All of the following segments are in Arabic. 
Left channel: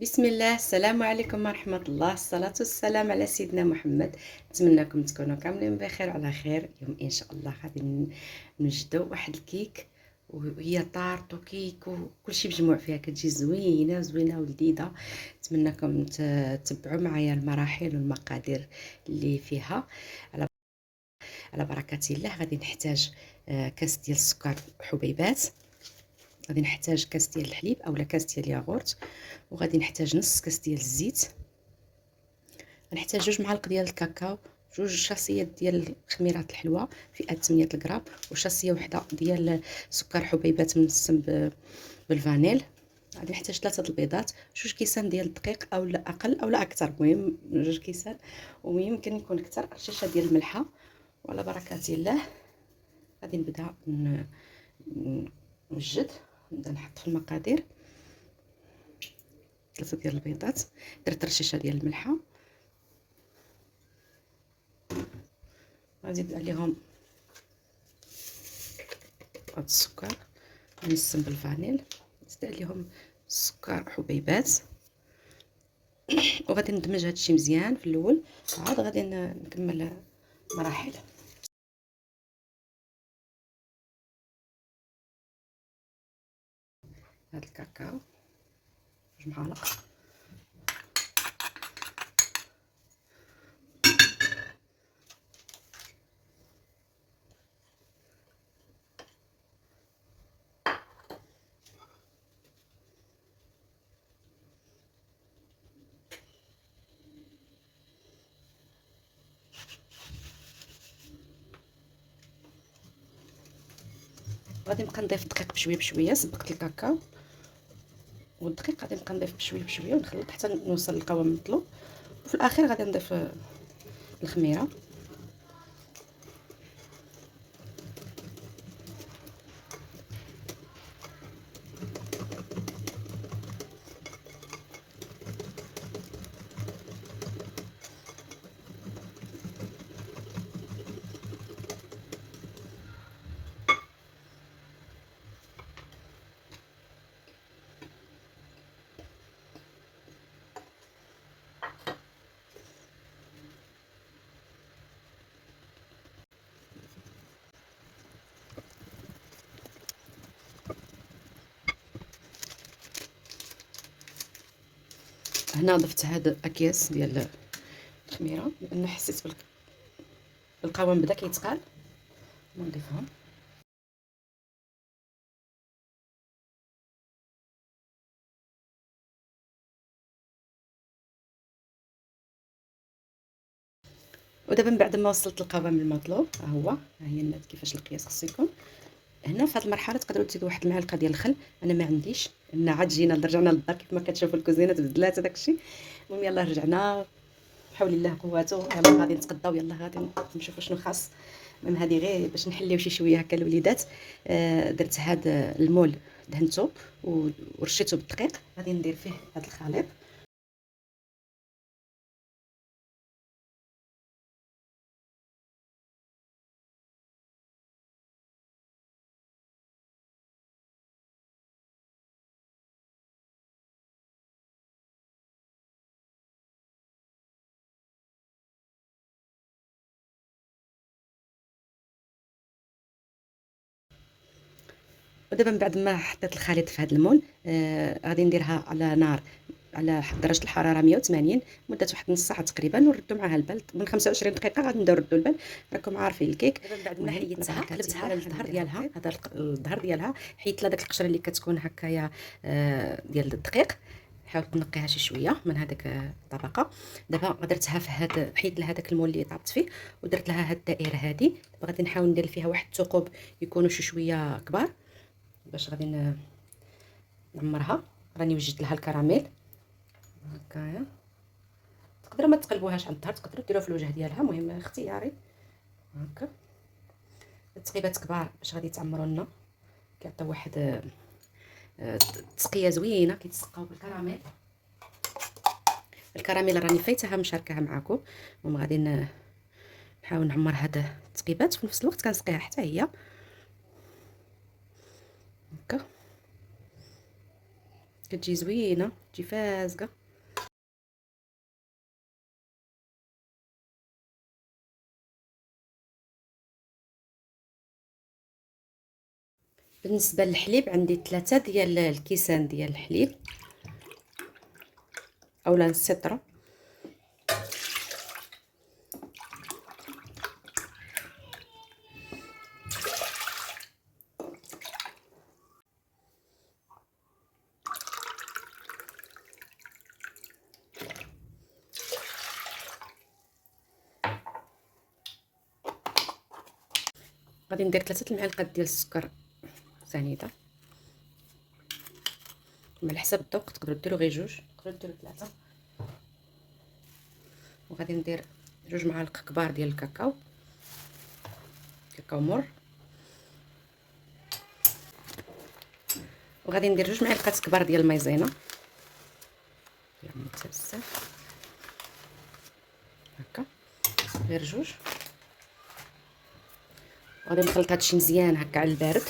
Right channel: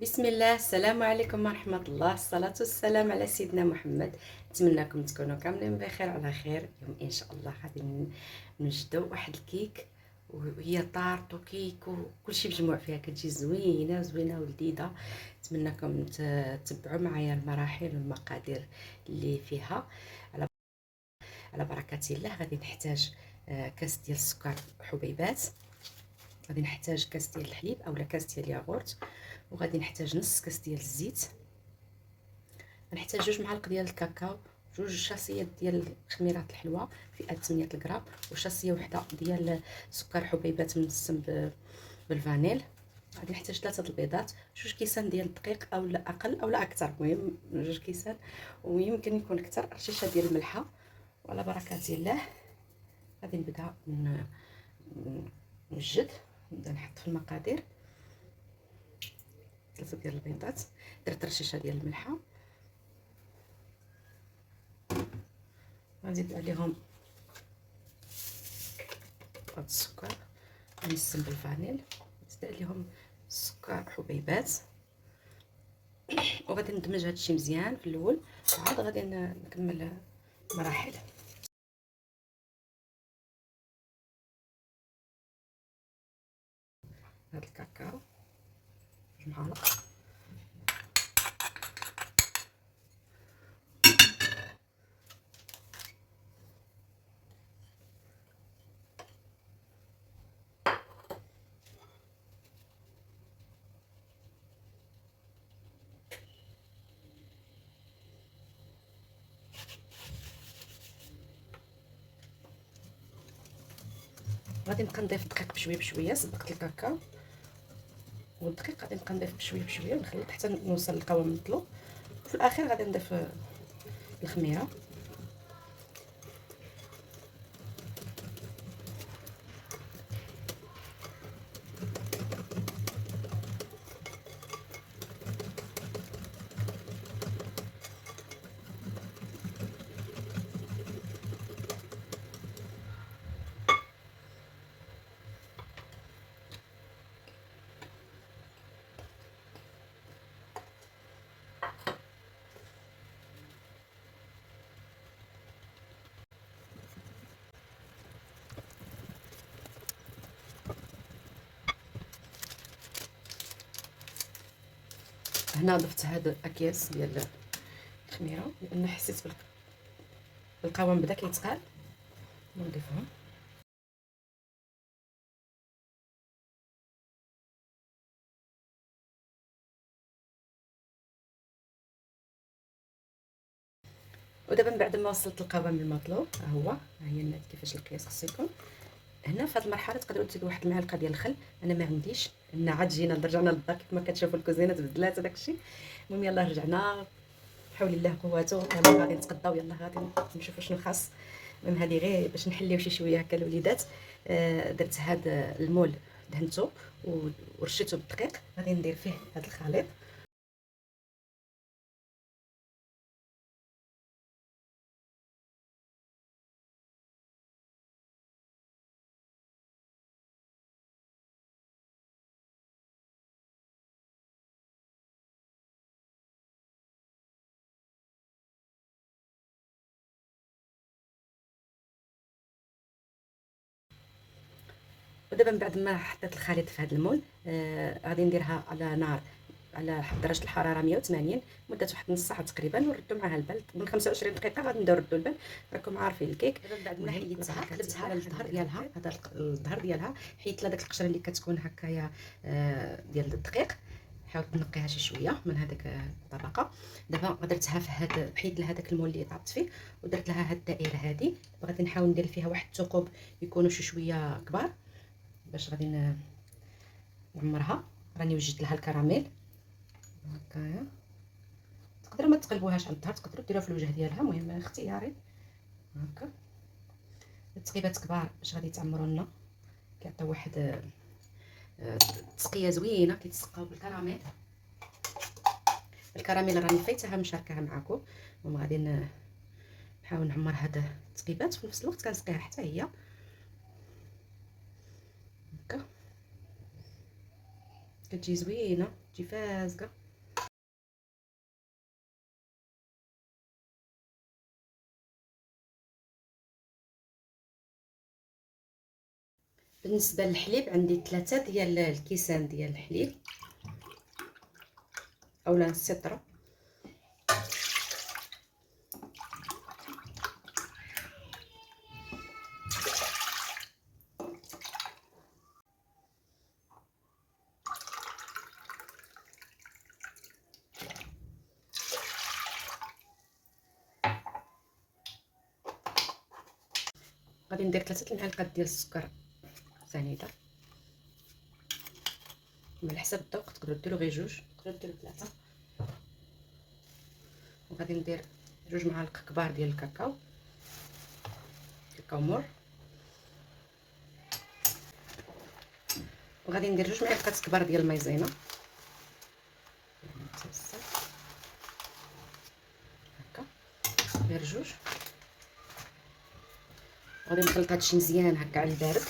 بسم الله، السلام عليكم ورحمة الله، الصلاة والسلام على سيدنا محمد. نتمنىكم تكونوا كاملين بخير وعلى خير. اليوم ان شاء الله غادي نوجدوا واحد الكيك، وهي طارت وكيك وكلشي مجموع فيها، كتجي زوينه زوينه ولذيذه. نتمنىكم تتبعوا معايا المراحل والمقادير اللي فيها. على بركة الله. غادي نحتاج كاس ديال السكر حبيبات، غادي نحتاج كاس ديال الحليب اولا كاس ديال الياغورت، وغادي نحتاج نص كاس ديال الزيت، غنحتاج 2 معالق ديال الكاكاو، 2 شاصيات ديال خميرات الحلوى فئه 800 غرام، وشاصيه وحده ديال سكر حبيبات منسم بالفانيل. غادي نحتاج 3 البيضات، 2 كيسان ديال الدقيق اولا اقل اولا اكثر، المهم 2 كيسان، ويمكن يكون اكثر. رشاشه ديال الملحه. وعلى بركه الله غادي نبدا نوجد، نبدا نحط في المقادير. 3 ديال البيضات، درت رشاشه ديال الملحه، غنزيد عليهم هاد السكر منسم بالفانيل، نزيد عليهم السكر حبيبات، وغادي ندمج هادشي مزيان في الاول، وعاد غادي نكمل مراحل. هاد الكاكاو 2 معالق، غادي نبقى نضيف الدقيق بشويه بشويه. صبقت الكاكاو والدقيق، غادي نبقى نضيف بشويه بشويه ونخلط حتى نوصل للقوام المطلوب، وفي الاخير غادي نضيف الخميره. هنا ضفت هاد الاكياس ديال الخميره لان حسيت بالقوام بدا كيتقال، نضيفهم. ودابا من بعد ما وصلت للقوام المطلوب، ها هي النات كيفاش القياس خصو يكون. هنا في هذه المرحله تقدروا تزيدوا واحد المعلقه ديال الخل، انا ما عنديش، ان عاد جينا رجعنا للدار كيف ما كتشوفوا الكوزينه تبدلات هذاك الشيء. المهم يلاه رجعنا، حول الله قوته، يلاه غادي نتغداو، يلاه غادي نشوفوا شنو خاص. المهم هذه غير باش نحليو شي شويه هكا الوليدات. درت هذا المول، دهنته ورشيته بالدقيق، غادي ندير فيه هذا الخليط. ودابا من بعد ما حطيت الخليط في هذا المول، غادي نديرها على نار على درجه الحراره 180 مده واحد نص ساعه تقريبا، ونردو معاها البال من 25 دقيقه. غادي نبداو نردو البال، راكم عارفين الكيك. من بعد ما حيدتها قلبتها على الظهر ديالها، هذا الظهر ديالها حيدت لها داك القشره اللي كتكون هكايا ديال الدقيق. حاول تنقيها شي شويه من هذاك الطبقه. دابا درتها في هذا، حيد لها داك المول اللي طابت فيه، ودرت لها هاد الدائره هذه. دابا غادي نحاول ندير فيها واحد الثقوب يكونوا شي شويه كبار، باش غادي نعمرها. راني وجدت لها الكراميل هكايا. تقدروا ما تقلبوهاش على الظهر، تقدروا ديروها في الوجه ديالها، المهم اختياري. هكا التقيبات كبار باش غادي تعمروا لنا، كيعطيو واحد تسقيه زوينه، كيتسقاو بالكراميل. الكراميل راني فايتها مشاركاها معكم. المهم غادي نحاول نعمر هاد التقيبات، في نفس الوقت كنسقيها حتى هي هكا. كتجي زوينه، تجي فازقه. بالنسبه للحليب عندي 3 ديال الكيسان ديال الحليب اولا السطره. غادي ندير 3 المعالق ديال السكر سنيده، على حسب الذوق تقدروا ديروا غير 2، تقدروا ديروا 3. وغادي ندير 2 معالق كبار ديال الكاكاو، كاكاو مور. وغادي ندير 2 معالق كبار ديال المايزينا، يعني بزاف هكا، غير 2. غادي نخلط هادشي مزيان هكا على البارد.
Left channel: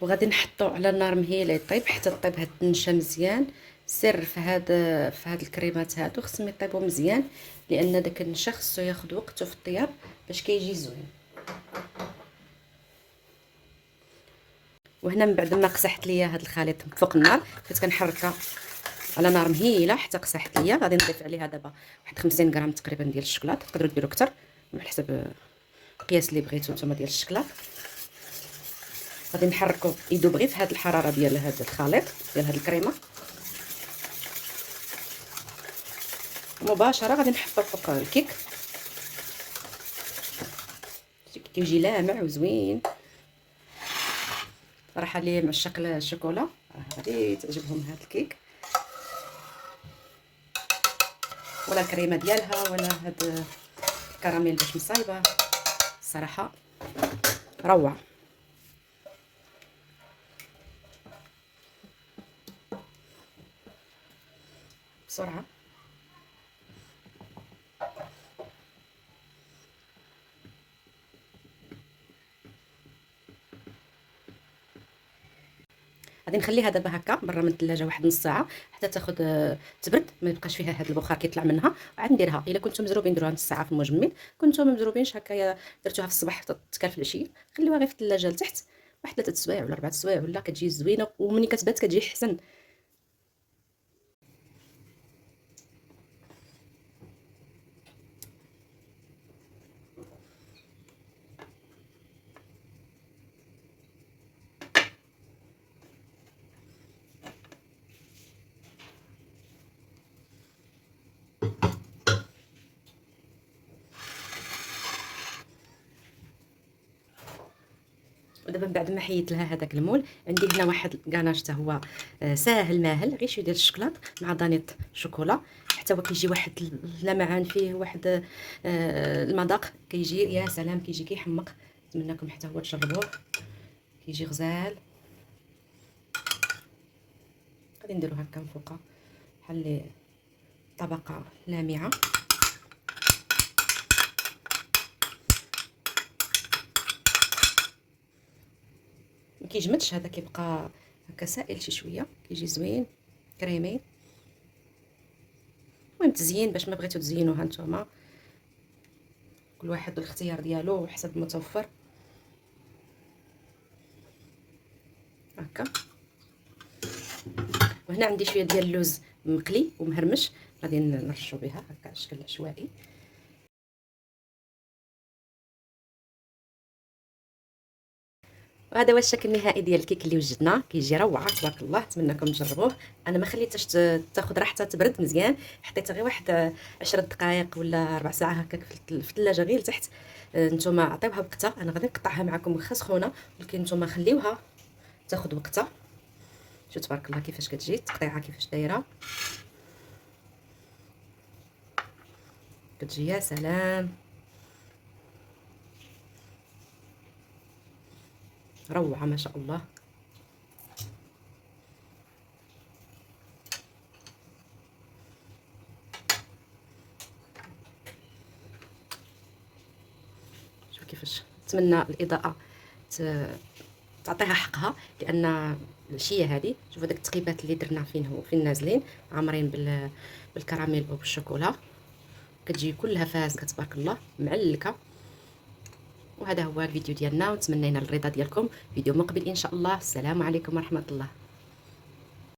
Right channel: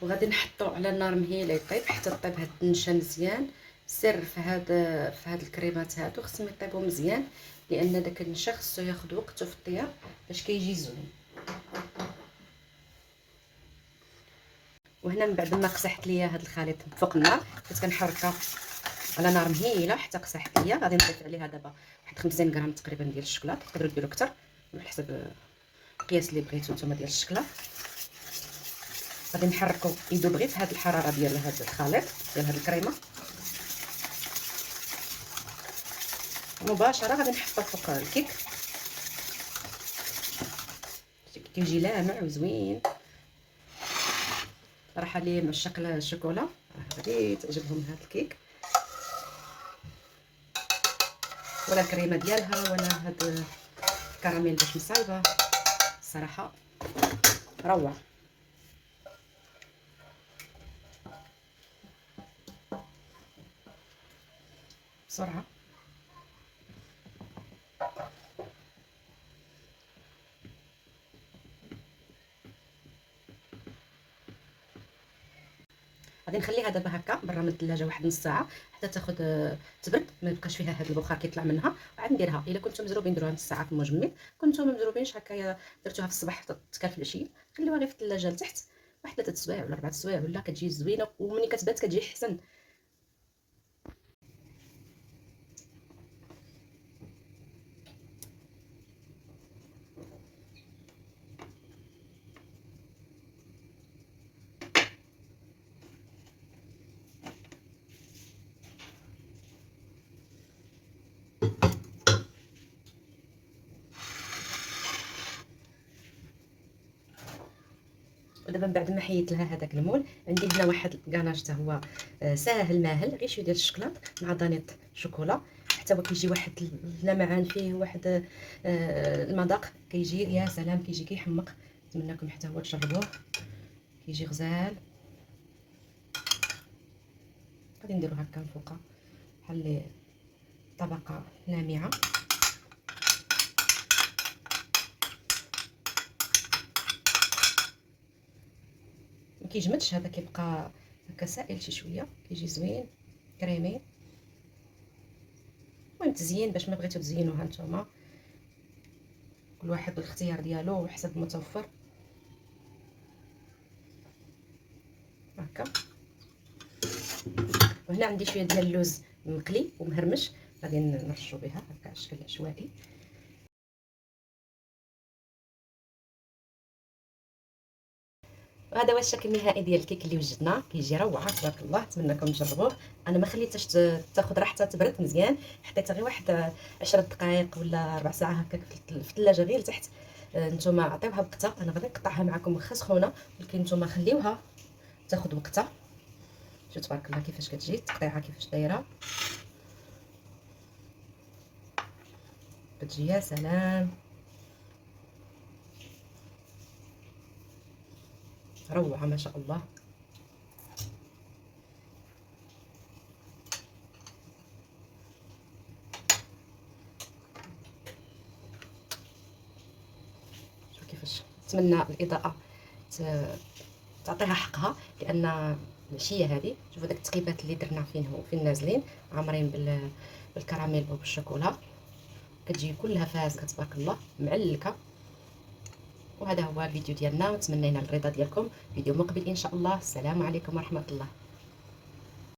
وغادي نحطو على النار مهيله يطيب حتى طيب هاد النشا مزيان. السر في هاد الكريمات هادو خصهم يطيبوا مزيان، لان داك النشا خصو ياخد وقته في الطياب باش كيجي زوين. وهنا من بعد ما قسحت ليا هاد الخليط فوق النار، كنت كنحركها على نار مهيله حتى قسحت ليا. غادي نضيف عليها دابا واحد 50 غرام تقريبا ديال الشوكولاته، تقدروا ديروا اكثر على حسب القياس اللي بغيتو نتوما ديال الشكلاط. غادي نحركو يذوب غير في هاد الحراره ديال هاد الخليط ديال هاد الكريمه. مباشره غادي نحطو فوق الكيك، كيجي لامع وزوين صراحه. اللي معشق الشوكولا غادي تعجبهم هاد الكيك ولا الكريمه ديالها ولا هاد الكراميل باش مصايبه، الصراحه روعه. بسرعه غادي نخليها دابا هكا برا من الثلاجه واحد نص ساعه حتى تاخذ تبرد، ما يبقاش فيها هذا البخار كيطلع منها. وعاد نديرها الا كنتم مزروبين ديروها نص ساعه في المجمد، كنتم ما مزروبينش هكايا درتوها في الصباح تكال في العشيه، خليوها غير في الثلاجه لتحت واحد 3 سوايع ولا 4 سوايع ولا كتجي زوينه، ومني كتبات كتجي حسن. ودابا من بعد ما حيدت لها هذاك المول، عندي هنا واحد كاناش حتى هو ساهل ماهل، غير شويه ديال الشكلاط مع دانيط شوكولا، حتى هو كيجي واحد اللمعان فيه، واحد المذاق كيجي يا سلام، كيجي كيحمق. نتمنىكم حتى هو تجربوه، كيجي غزال. غادي نديرو هكا من فوق بحال طبقه لامعه. ما كيجمدش هذا، كيبقى هكا سائل شي شويه، كيجي زوين كريمي. المهم تزيين باش ما بغيتو تزينوها نتوما، كل واحد والاختيار ديالو وحسب المتوفر هكا. وهنا عندي شويه ديال اللوز مقلي ومهرمش، غادي نرشو بها هكا على شكل عشوائي. وهذا هو الشكل النهائي ديال الكيك اللي وجدنا، كيجي روعه تبارك الله. نتمنىكم تجربوه. انا ما خليتهاش تاخذ راحتها تبرد مزيان، حطيتها غير واحد 10 دقائق ولا ربع ساعه هكاك في الثلاجه غير لتحت. نتوما عطيوها وقتها، انا غادي نقطعها معكم واخا سخونه، ولكن نتوما خليوها تاخذ وقتها. شوف تبارك الله كيفاش كتجي التقطيعه، كيفاش دايره، كتجي يا سلام، روعه ما شاء الله. نتمنى الاضاءه تعطيها حقها، لان العشيه هذه شوفوا داك التقيبات اللي درنا فين نازلين عامرين بالكراميل وبالشوكولا، كتجي كلها فازكه تبارك الله معلكه. وهذا هو الفيديو ديالنا، وتمنينا الرضا ديالكم. فيديو مقبل ان شاء الله. السلام عليكم ورحمه الله.